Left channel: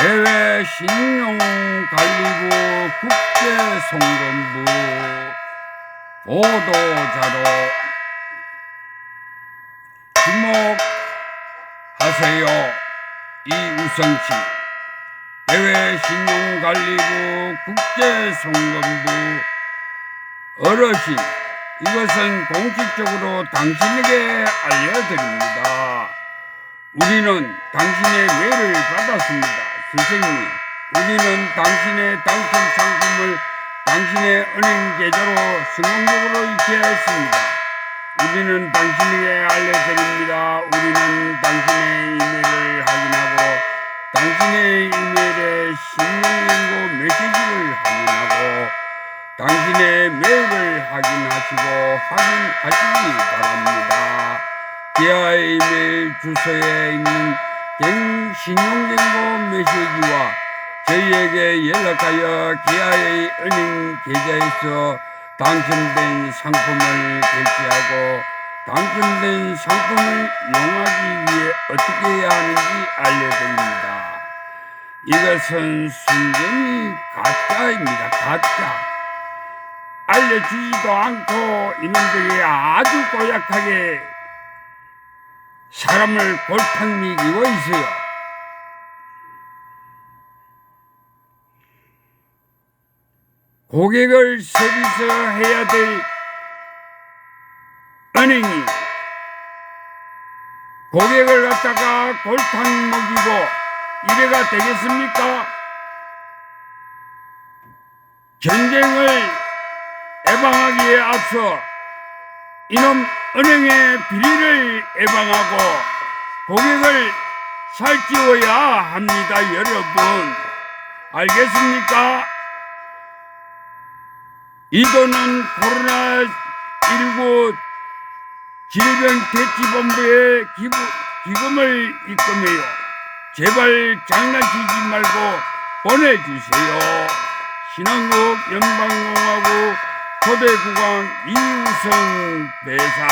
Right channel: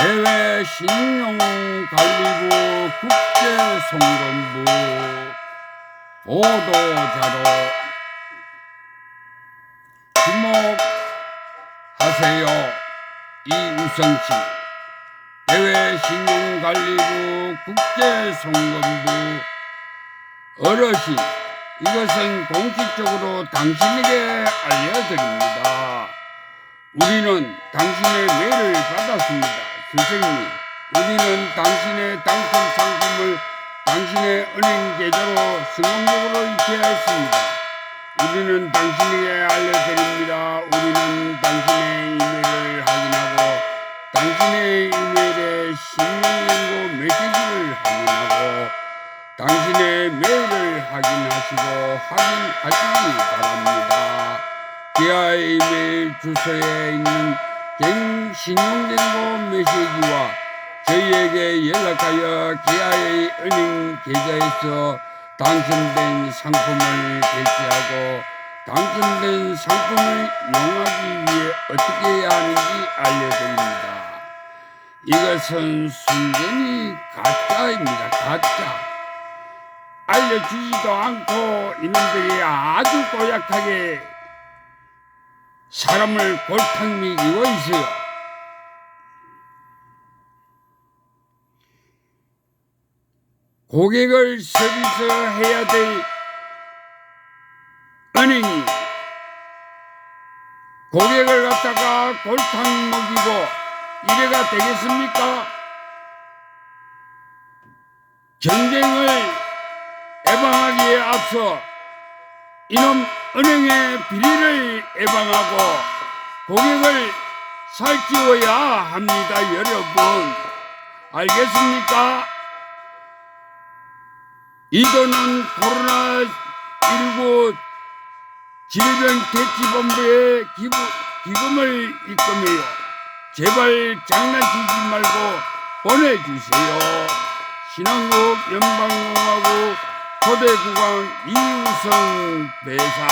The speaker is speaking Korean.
해외 신용관리부 국제송금부 보도자료 주목하세요 이우성씨 해외 신용관리부 국제송금부 어르신 이것은 공식적으로 당신에게 알려드립니다. 우리는 당신의 매를 받았습니다. 선생님, 우리는 당신의 당첨 상품을 당신의 은행 계좌로 성공적으로 이체했습니다. 우리는 당신에게 알려드립니다. 우리는 당신의 이메일을 확인하고 당신의 이메일에 신용연구 메시지를 확인하고 당신의 메일을 확인하시고 확인하시기 바랍니다. 기아의 이메일 주소에 있는 갱 신용경고 메시지와 저희에게 연락하여 기아의 은행 계좌에서 당첨된 상품을 결제하고 당첨된 상품을 이용하기 위해 어떻게 해야 하는지 알려드립니다. 이것은 순전히 가짜입니다. 가짜. 알려주지도 않고 이놈들이 아주 고약하게 사람을 골탕 먹이고 있어요. 고객을 서비스해야 될 은행이 고객을 갖다가 골탕 먹이고 이래가 되겠습니까? 전쟁을 예방하기에 앞서 이놈 은행의 비리를 예방하고 고객을 살찌워야 합니다, 여러분. 알겠습니까? 이 돈은 코로나19 질병 대치본부에 기부, 기금을 입금해요. 제발 장난치지 말고 보내주세요. 신한국 연방공화국 초대국왕 이우성 대상